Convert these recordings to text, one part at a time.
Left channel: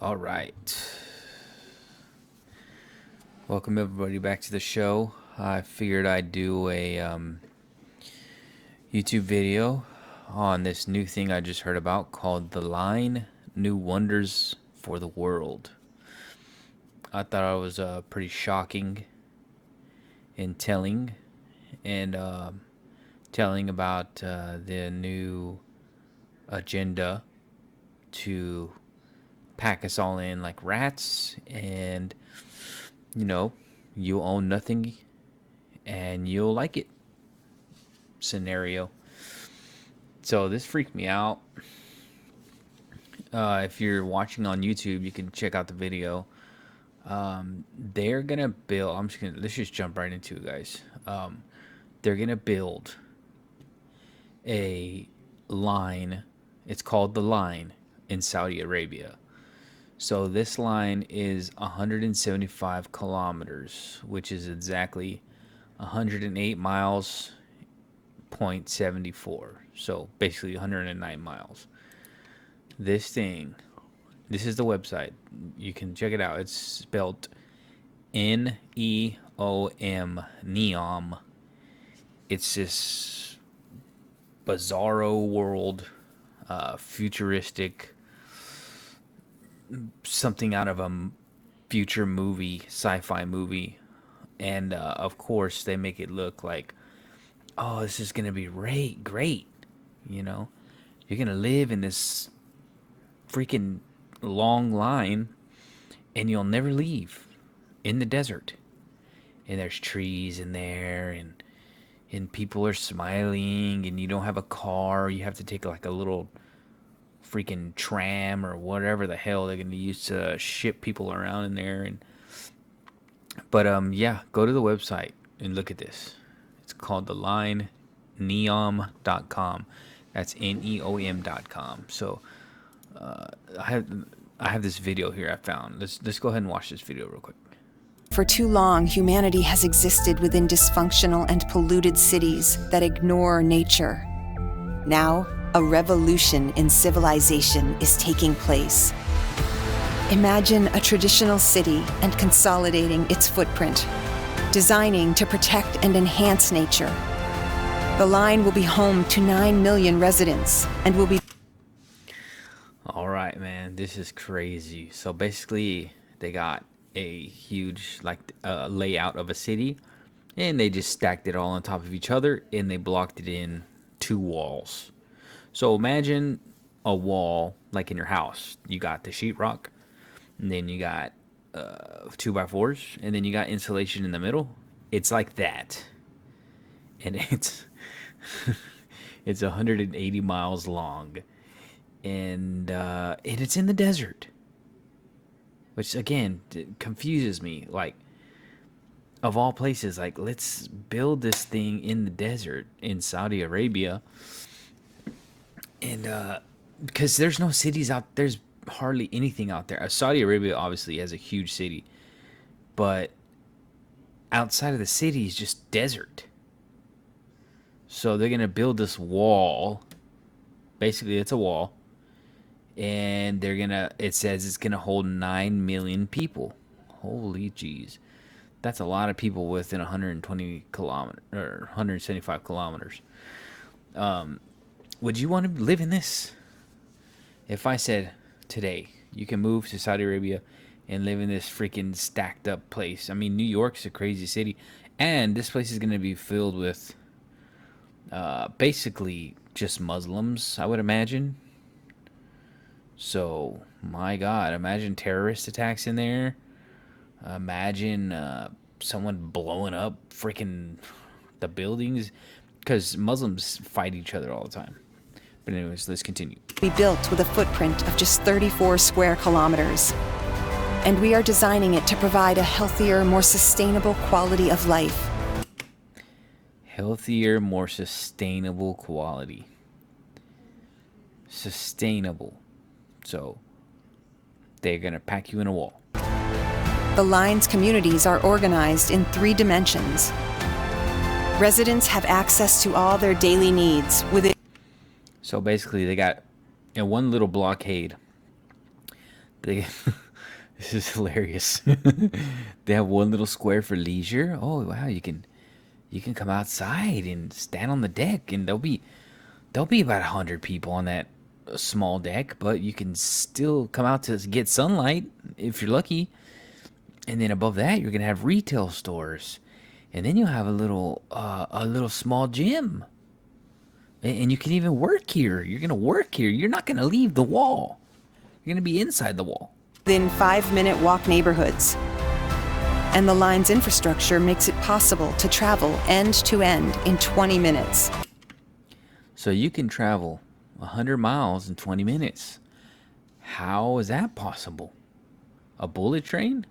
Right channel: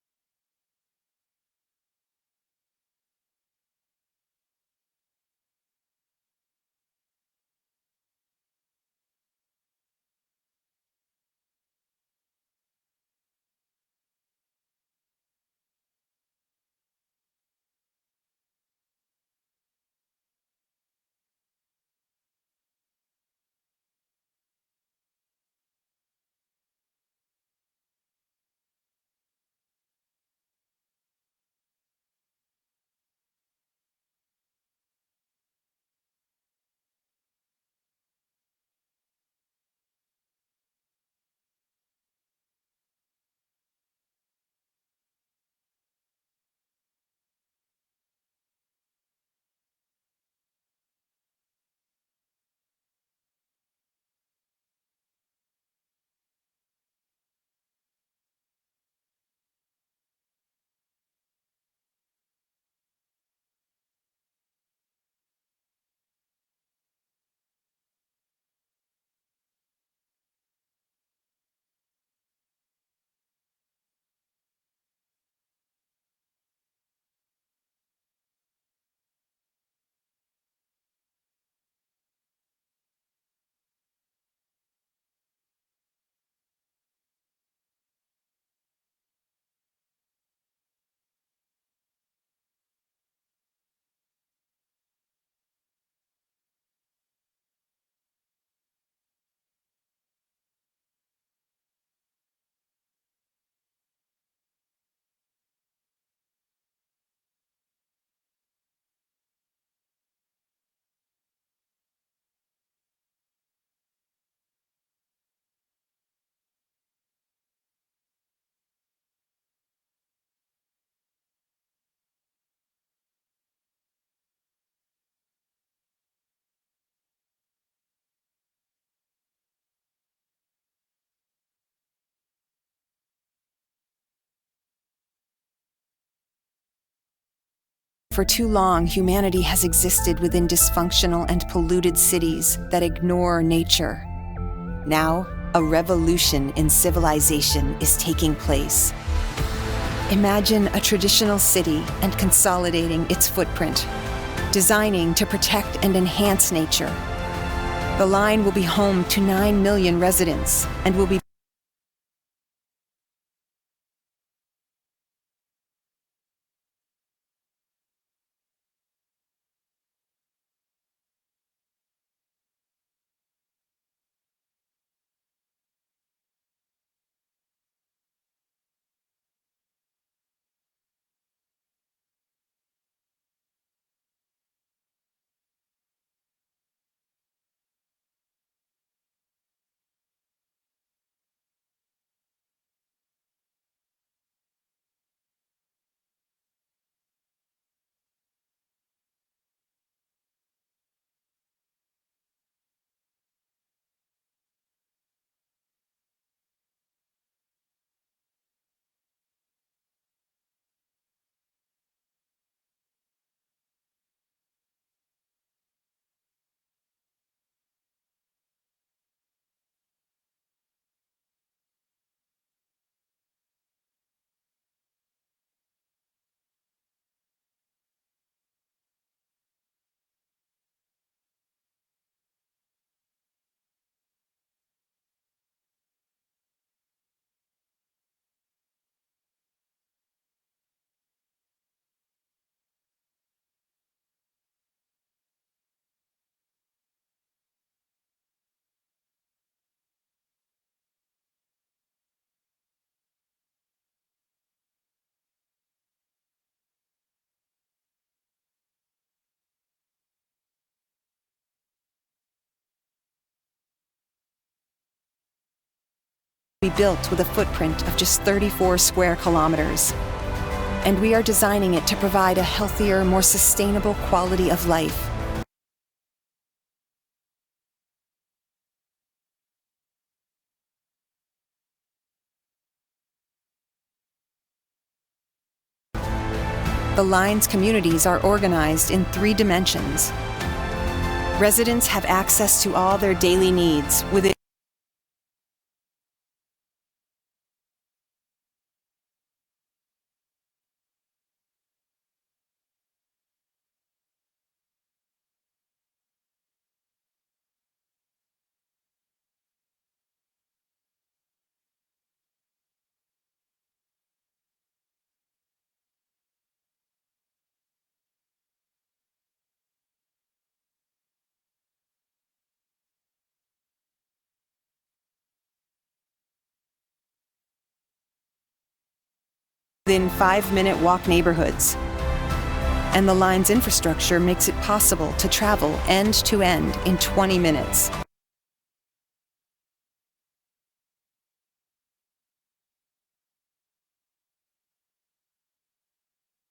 All right. Welcome everybody back to the show. I figured I'd do a YouTube video on this new thing I just heard about called The Line New Wonders for the World. I thought it was pretty shocking and telling, and telling about the new agenda to pack us all in like rats, and you own nothing and you'll like it scenario. So this freaked me out. If you're watching on YouTube, you can check out the video. They're gonna build, let's just jump right into it, guys. They're gonna build a line. It's called the line in Saudi Arabia. So this line is 175 kilometers, which is exactly 108 miles, 0.74. So basically 109 miles. This is the website. You can check it out. It's spelled Neom, Neom. It's this bizarro world, futuristic, something out of a future movie, sci-fi movie. And of course they make it look like, oh, this is gonna be great. You're gonna live in this freaking long line and you'll never leave in the desert. And there's trees in there, and people are smiling, and you don't have a car. You have to take like a little freaking tram or whatever the hell they're gonna use to ship people around in there. But yeah, go to the website and look at this. It's called the line neom.com. That's neom.com. So I have this video here I found. Let's go ahead and watch this video real quick. For too long, humanity has existed within dysfunctional and polluted cities that ignore nature. Now, a revolution in civilization is taking place. Imagine a traditional city and consolidating its footprint, designing to protect and enhance nature. The line will be home to 9 million residents and will be... All right, man, this is crazy. So basically, they got a huge layout of a city, and they just stacked it all on top of each other, and they blocked it in 2 walls. So imagine a wall like in your house. You got the sheetrock, and then you got 2x4s, and then you got insulation in the middle. It's like that, and it's 180 miles long, and it's in the desert, which again confuses me. Like, of all places, like, let's build this thing in the desert in Saudi Arabia. And because there's no cities out, there's hardly anything out there. Saudi Arabia obviously has a huge city, but outside of the city is just desert. So they're gonna build this wall. Basically, it's a wall, and it says it's gonna hold 9 million people. Holy jeez, that's a lot of people within 120 kilometers or 175 kilometers. Would you want to live in this? If I said today you can move to Saudi Arabia and live in this freaking stacked up place. I mean, New York's a crazy city, and this place is going to be filled with basically just Muslims, I would imagine. So, my God, imagine terrorist attacks in there. Imagine someone blowing up freaking the buildings, because Muslims fight each other all the time. But anyways, let's continue. Be built with a footprint of just 34 square kilometers. and we are designing it to provide a healthier, more sustainable quality of life. Healthier, more sustainable quality. Sustainable. So they're going to pack you in a wall. The line's communities are organized in 3 dimensions. Residents have access to all their daily needs within. So basically, they got in one little blockade. They, this is hilarious. They have one little square for leisure. Oh wow, you can come outside and stand on the deck, and there'll be about 100 people on that small deck, but you can still come out to get sunlight if you're lucky. And then above that, you're gonna have retail stores, and then you'll have a little small gym. And you can even work here. You're gonna work here. You're not gonna leave the wall. You're gonna be inside the wall. Within 5-minute walk neighborhoods. And the line's infrastructure makes it possible to travel end to end in 20 minutes. So you can travel 100 miles in 20 minutes. How is that possible? A bullet train?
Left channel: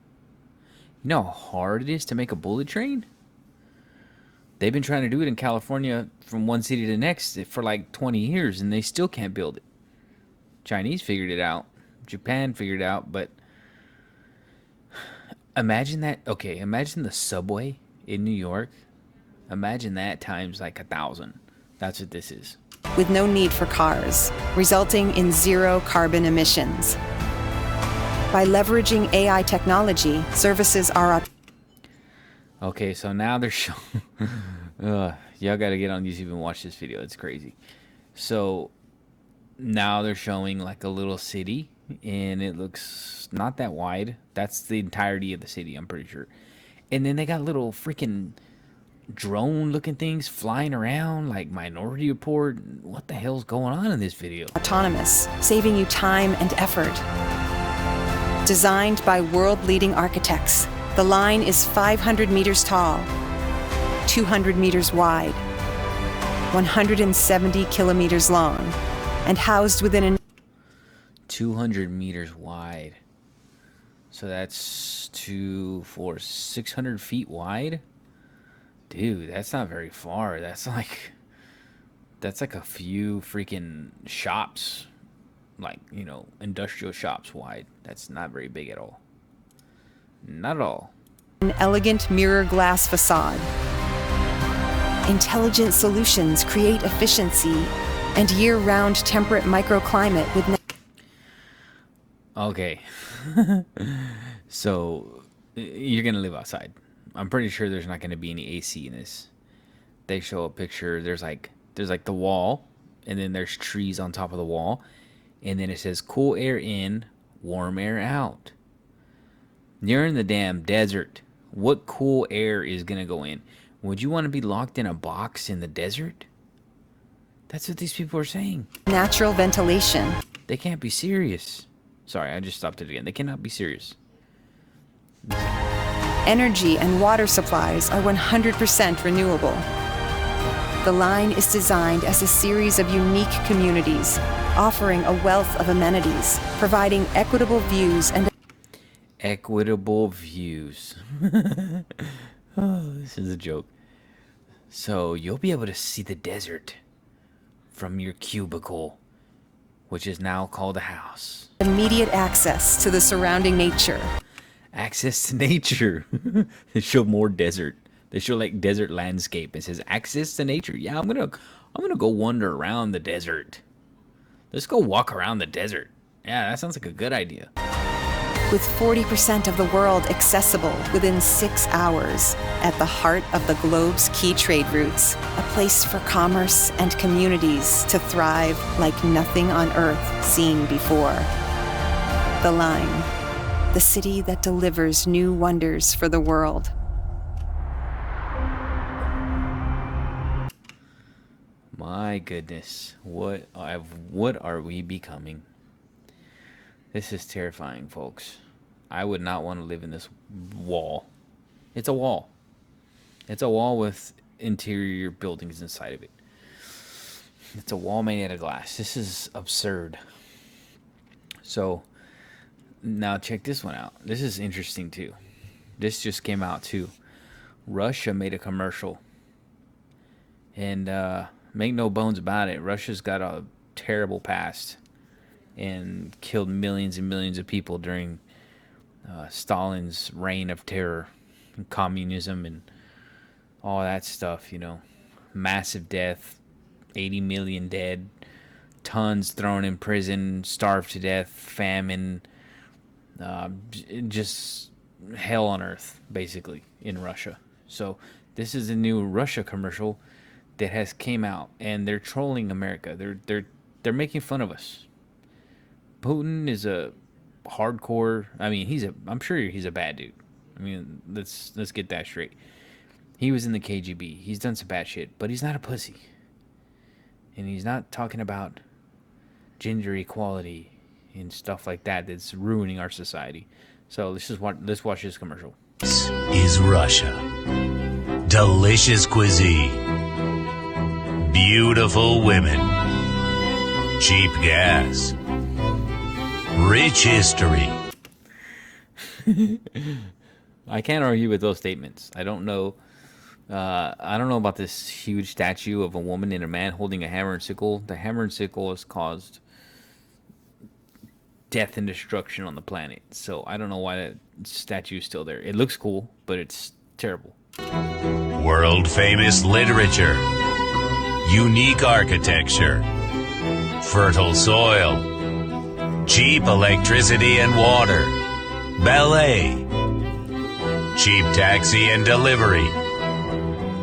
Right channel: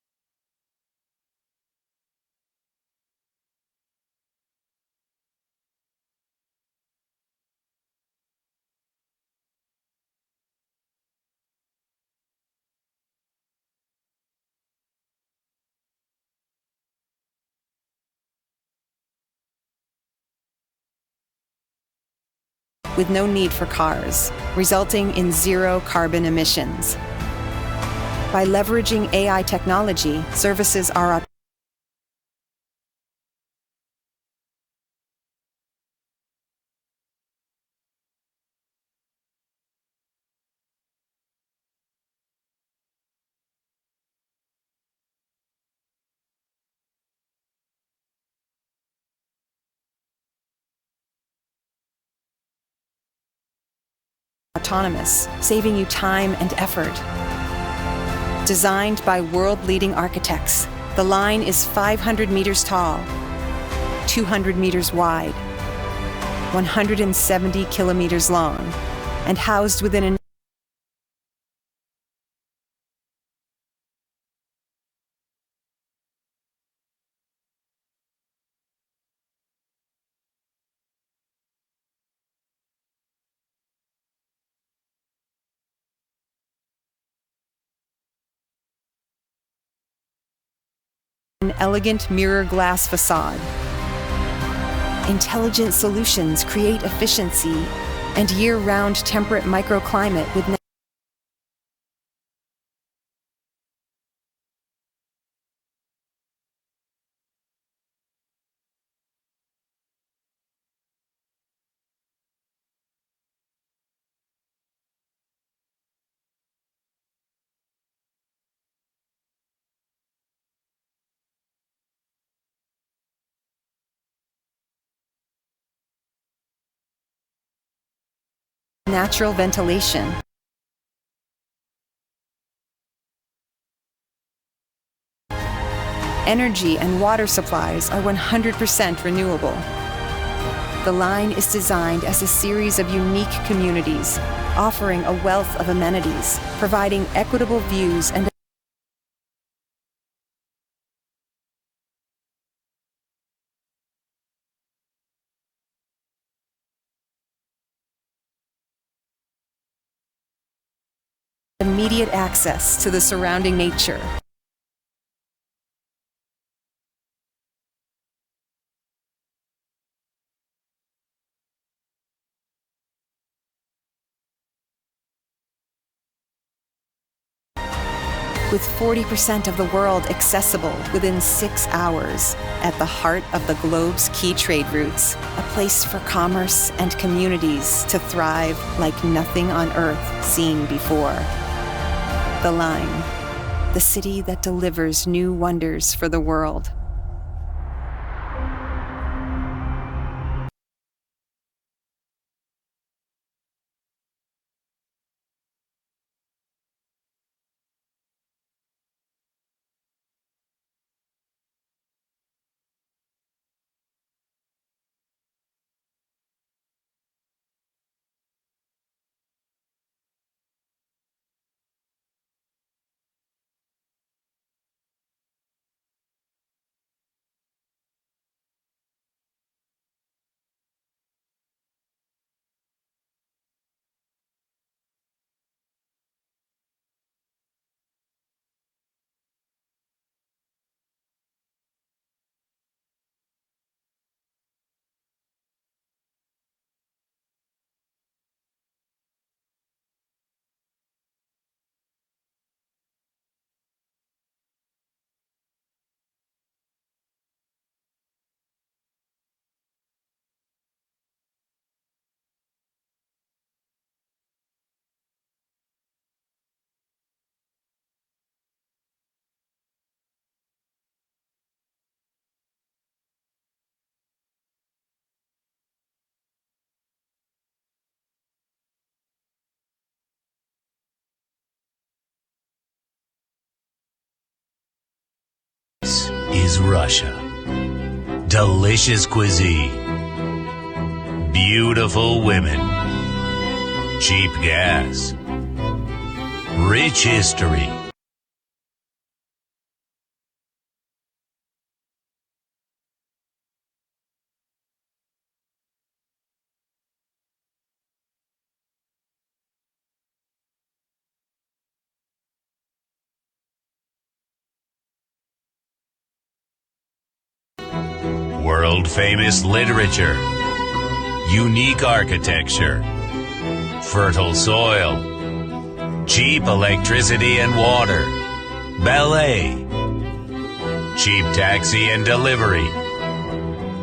You know how hard it is to make a bullet train? They've been trying to do it in California from one city to the next for like 20 years, and they still can't build it. Chinese figured it out. Japan figured it out, but imagine that. Okay, imagine the subway in New York. Imagine that times like 1,000. That's what this is. With no need for cars, resulting in 0 carbon emissions. By leveraging AI technology, services are Okay, so now they're showing. Y'all gotta get on YouTube and watch this video. It's crazy. So now they're showing like a little city, and it looks not that wide. That's the entirety of the city, I'm pretty sure. And then they got little freaking drone-looking things flying around, like Minority Report. What the hell's going on in this video? autonomous, saving you time and effort. Designed by world-leading architects, the line is 500 meters tall, 200 meters wide, 170 kilometers long, and housed within an 200 meters wide. So that's 600 feet wide? Dude, that's not very far. That's like a few freaking shops, like, you know, industrial shops wide. That's not very big at all. Not at all. an elegant mirror glass facade. Intelligent solutions create efficiency and year-round temperate microclimate with Okay. So you're gonna live outside. I'm pretty sure there's not gonna be any AC in this. They show a picture. There's like the wall, and then there's trees on top of the wall, and then it says cool air in, warm air out. You're in the damn desert. What cool air is gonna go in? Would you want to be locked in a box in the desert? That's what these people are saying. natural ventilation. They can't be serious. Sorry, I just stopped it again. They cannot be serious. Energy and water supplies are 100% renewable. The line is designed as a series of unique communities, offering a wealth of amenities, providing equitable views and Equitable views. Oh, this is a joke. So you'll be able to see the desert from your cubicle, which is now called a house. immediate access to the surrounding nature. Access to nature. They show more desert. They show like desert landscape. It says access to nature. Yeah, I'm gonna go wander around the desert. Let's go walk around the desert. Yeah, that sounds like a good idea. With 40% of the world accessible within 6 hours, at the heart of the globe's key trade routes, a place for commerce and communities to thrive like nothing on Earth seen before. The Line, the city that delivers new wonders for the world. My goodness, what are we becoming? This is terrifying, folks. I would not want to live in this wall. It's a wall. It's a wall with interior buildings inside of it. It's a wall made out of glass. This is absurd. So, Now check this one out. This is interesting too. This just came out too. Russia made a commercial, and make no bones about it, Russia's got a terrible past and killed millions and millions of people during Stalin's reign of terror, and communism, and all that stuff. Massive death, 80 million dead, tons thrown in prison, starved to death, famine, just hell on earth, basically, in Russia. So this is a new Russia commercial that has came out, and they're trolling America. They're making fun of us. Putin is a hardcore. I mean, I'm sure he's a bad dude. I mean, let's get that straight. He was in the KGB. He's done some bad shit, but he's not a pussy. And he's not talking about gender equality and stuff like that that's ruining our society. So let's watch this commercial. This is Russia. Delicious cuisine. Beautiful women. Cheap gas. Rich history. I can't argue with those statements. I don't know about this huge statue of a woman and a man holding a hammer and sickle. The hammer and sickle has caused death and destruction on the planet. So I don't know why that statue is still there. It looks cool, but it's terrible. World famous literature. Unique architecture. Fertile soil. Cheap electricity and water. Ballet. Cheap taxi and delivery.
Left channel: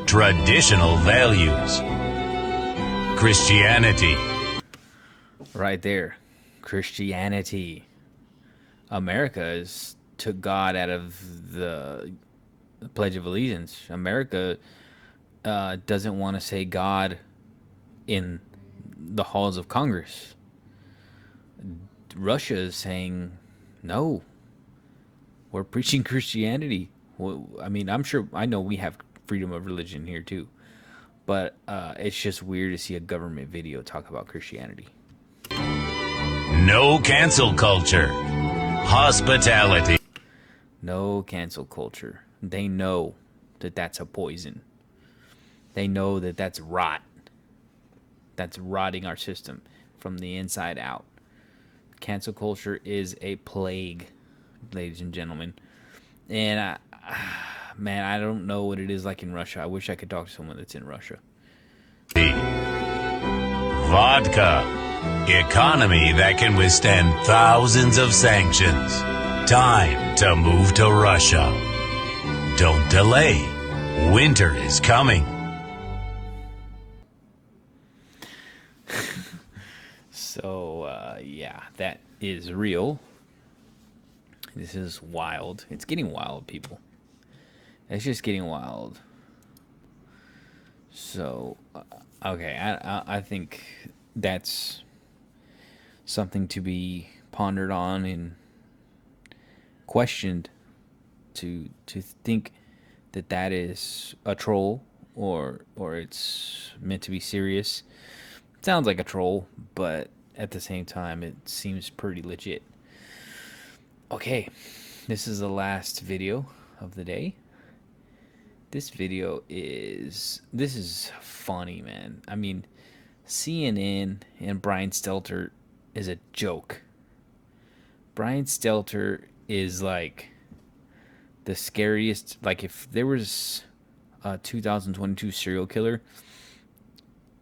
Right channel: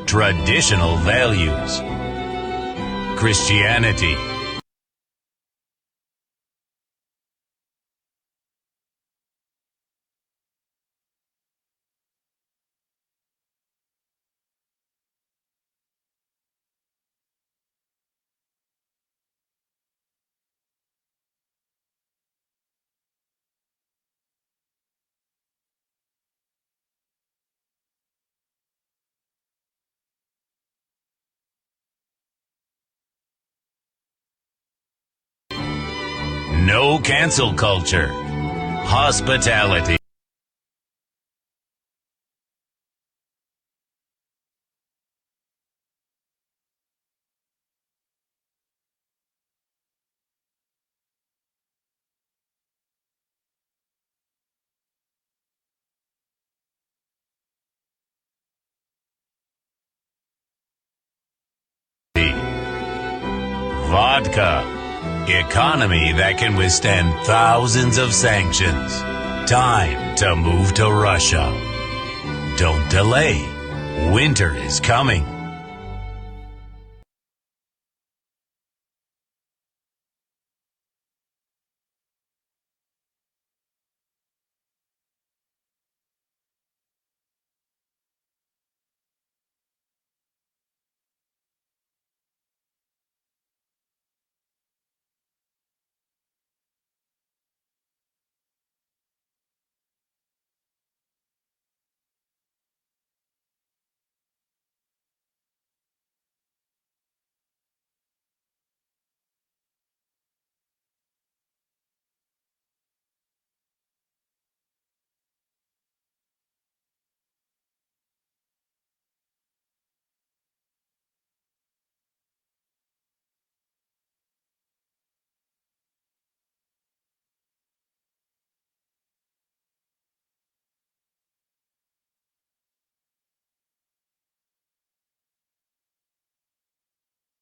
Traditional values. Christianity. Right there. Christianity. America took God out of the Pledge of Allegiance. America doesn't want to say God in the halls of Congress. Russia is saying, no, we're preaching Christianity. Well, I mean, I know we have freedom of religion here too, but it's just weird to see a government video talk about Christianity. No cancel culture. Hospitality. No cancel culture. They know that that's a poison. They know that that's rot. That's rotting our system from the inside out. Cancel culture is a plague, ladies and gentlemen. And man, I don't know what it is like in Russia. I wish I could talk to someone that's in Russia. Vodka. Economy that can withstand thousands of sanctions. Time to move to Russia. Don't delay. Winter is coming. So, yeah, that is real. This is wild. It's getting wild, people. It's just getting wild. So, okay, I think that's something to be pondered on and questioned. To think that is a troll or it's meant to be serious. It sounds like a troll, but at the same time, it seems pretty legit. Okay, this is the last video of the day. This is funny, man. I mean, CNN and Brian Stelter is a joke. Brian Stelter is like the scariest. Like, if there was a 2022 serial killer,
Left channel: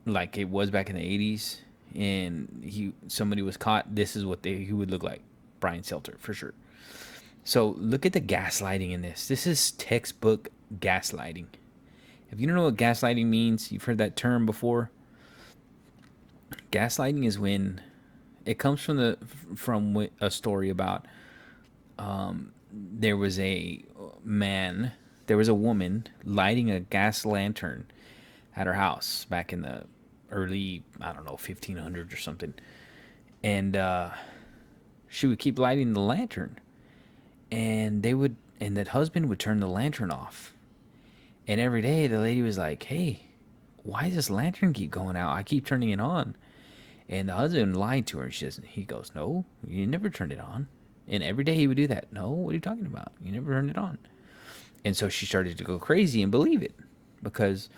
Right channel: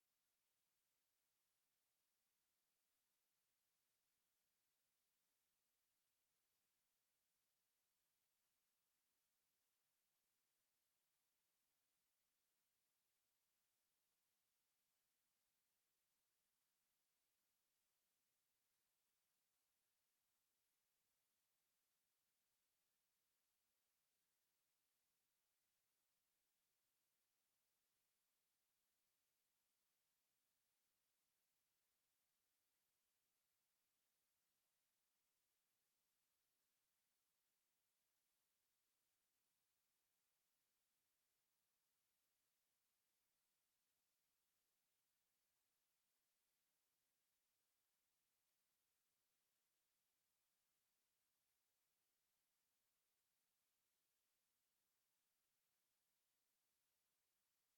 like it was back in the 80s, and somebody was caught, this is what he would look like. Brian Stelter, for sure. So look at the gaslighting in this. This is textbook gaslighting. If you don't know what gaslighting means, you've heard that term before. Gaslighting is when it comes from a story about there was a woman lighting a gas lantern at her house back in the early, I don't know, 1500s or something. And she would keep lighting the lantern. And that husband would turn the lantern off. And every day the lady was like, hey, why does this lantern keep going out? I keep turning it on. And the husband lied to her. He goes, no, you never turned it on. And every day he would do that. No, what are you talking about? You never turned it on. And so she started to go crazy and believe it because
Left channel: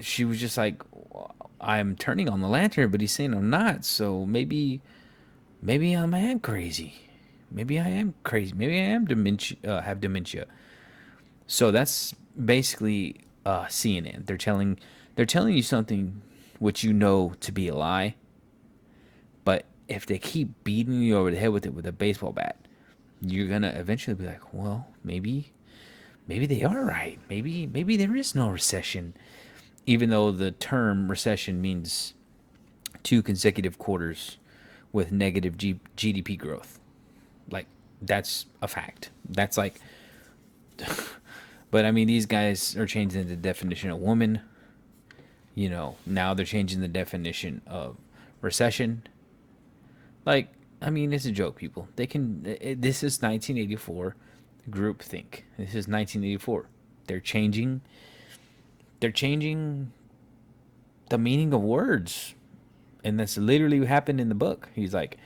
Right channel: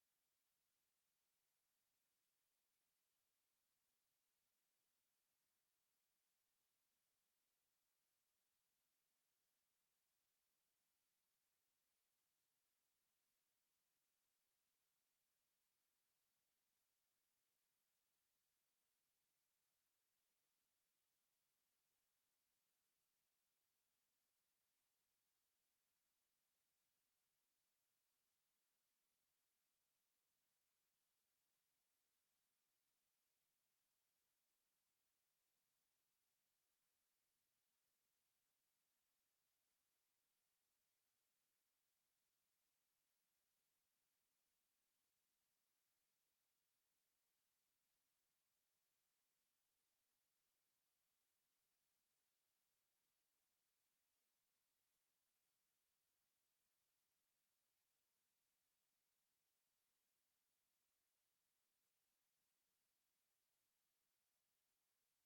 she was just like, I'm turning on the lantern, but he's saying I'm not. So maybe I am crazy. Maybe I am crazy. Maybe I am dementia. Have dementia. So that's basically CNN. They're telling you something which you know to be a lie, but if they keep beating you over the head with it with a baseball bat, you're gonna eventually be like, well, maybe they are right. Maybe there is no recession, even though the term recession means 2 consecutive quarters with negative GDP growth. Like that's a fact. That's like, but I mean, these guys are changing the definition of woman. Now they're changing the definition of recession. Like, I mean, it's a joke, people. They can. This is 1984 groupthink. This is 1984. They're changing. They're changing the meaning of words, and that's literally what happened in the book. He's like,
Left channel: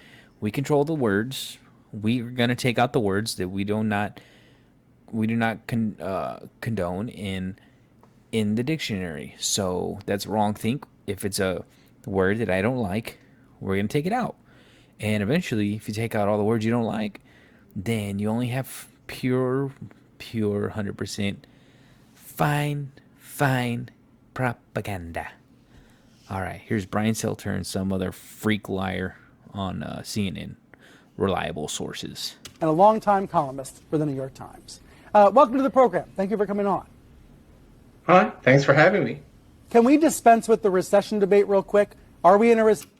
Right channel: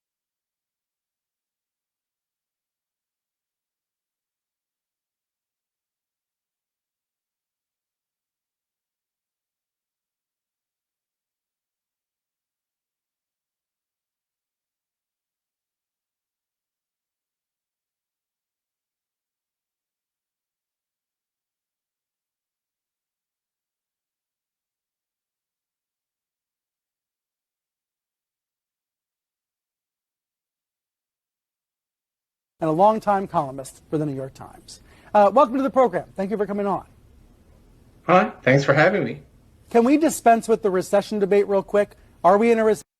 we control the words. We're gonna take out the words that we do not condone in the dictionary. So that's wrong think. If it's a word that I don't like, we're gonna take it out. And eventually, if you take out all the words you don't like, then you only have pure 100% fine propaganda. All right, here's Brian Selter and some other freak liar on CNN, reliable sources. And a longtime columnist for the New York Times. Welcome to the program. Thank you for coming on. Hi, thanks for having me. Can we dispense with the recession debate real quick? Are we in a recession?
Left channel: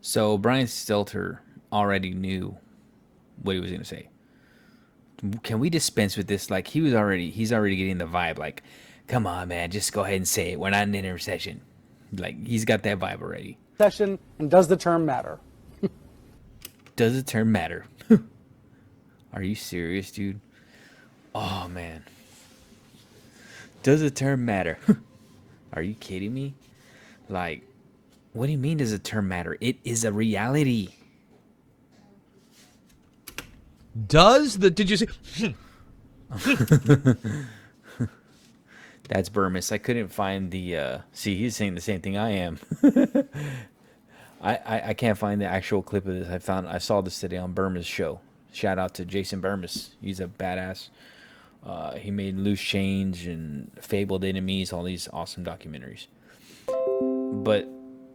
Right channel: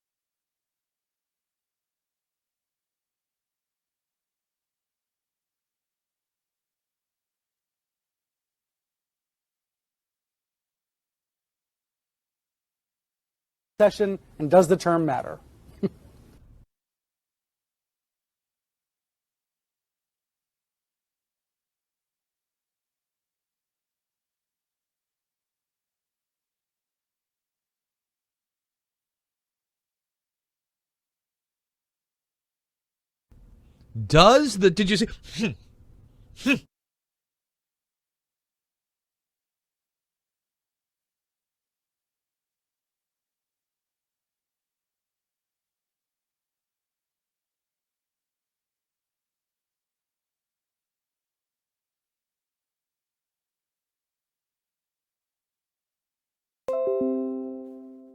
So Brian Stelter already knew what he was going to say. Can we dispense with this? Like he's already getting the vibe. Like, come on, man, just go ahead and say it. We're not in a recession. Like he's got that vibe already. And does the term matter? Does the term matter? Are you serious, dude? Oh man. Does the term matter? Are you kidding me? Like, what do you mean does the term matter? It is a reality. Did you see? That's Burmis. I couldn't find the see, he's saying the same thing I am. I can't find the actual clip of this. I saw this today on Burmis' show. Shout out to Jason Burmis. He's a badass. He made Loose Change and Fabled Enemies, all these awesome documentaries. But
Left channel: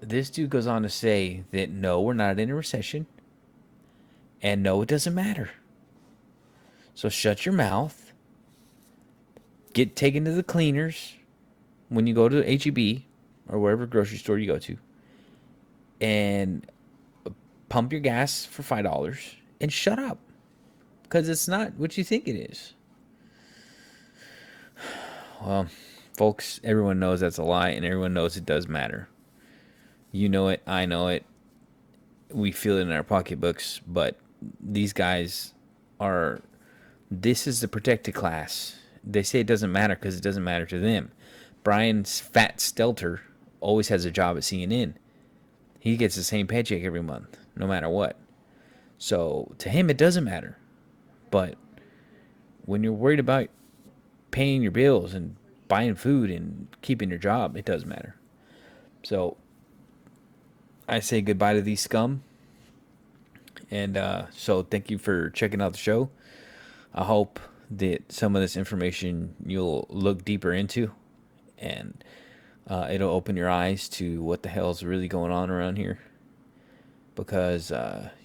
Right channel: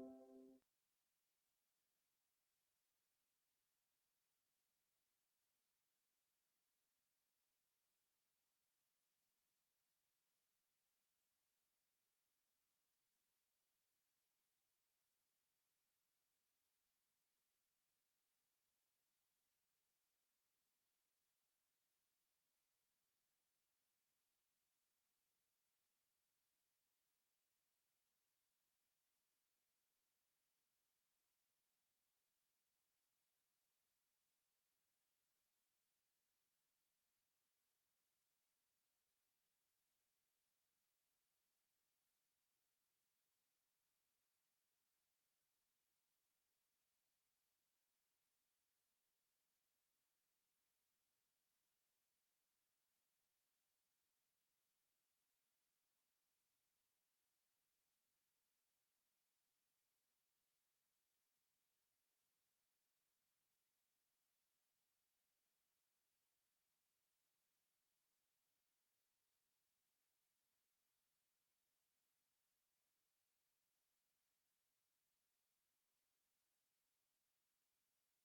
this dude goes on to say that no, we're not in a recession. And no, it doesn't matter. So shut your mouth. Get taken to the cleaners when you go to HEB or wherever grocery store you go to. And pump your gas for $5 and shut up. Because it's not what you think it is. Well, folks, everyone knows that's a lie, and everyone knows it does matter. You know it, I know it. We feel it in our pocketbooks, but these guys this is the protected class. They say it doesn't matter because it doesn't matter to them. Brian's Fat Stelter always has a job at CNN. He gets the same paycheck every month, no matter what. So to him, it doesn't matter. But when you're worried about paying your bills and buying food and keeping your job, it does matter. So I say goodbye to these scum. And so thank you for checking out the show. I hope that some of this information you'll look deeper into, and it'll open your eyes to what the hell is really going on around here. Because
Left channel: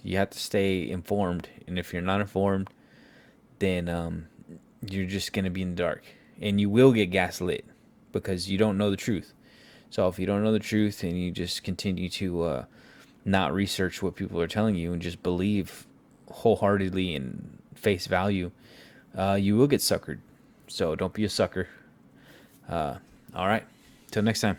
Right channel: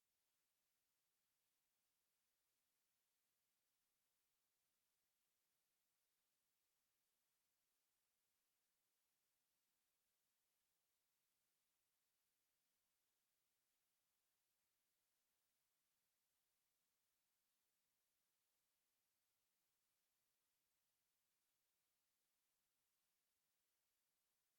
you have to stay informed, and if you're not informed, then you're just going to be in the dark. And you will get gaslit because you don't know the truth. So if you don't know the truth and you just continue to not research what people are telling you and just believe wholeheartedly and face value, you will get suckered. So don't be a sucker. All right. Till next time.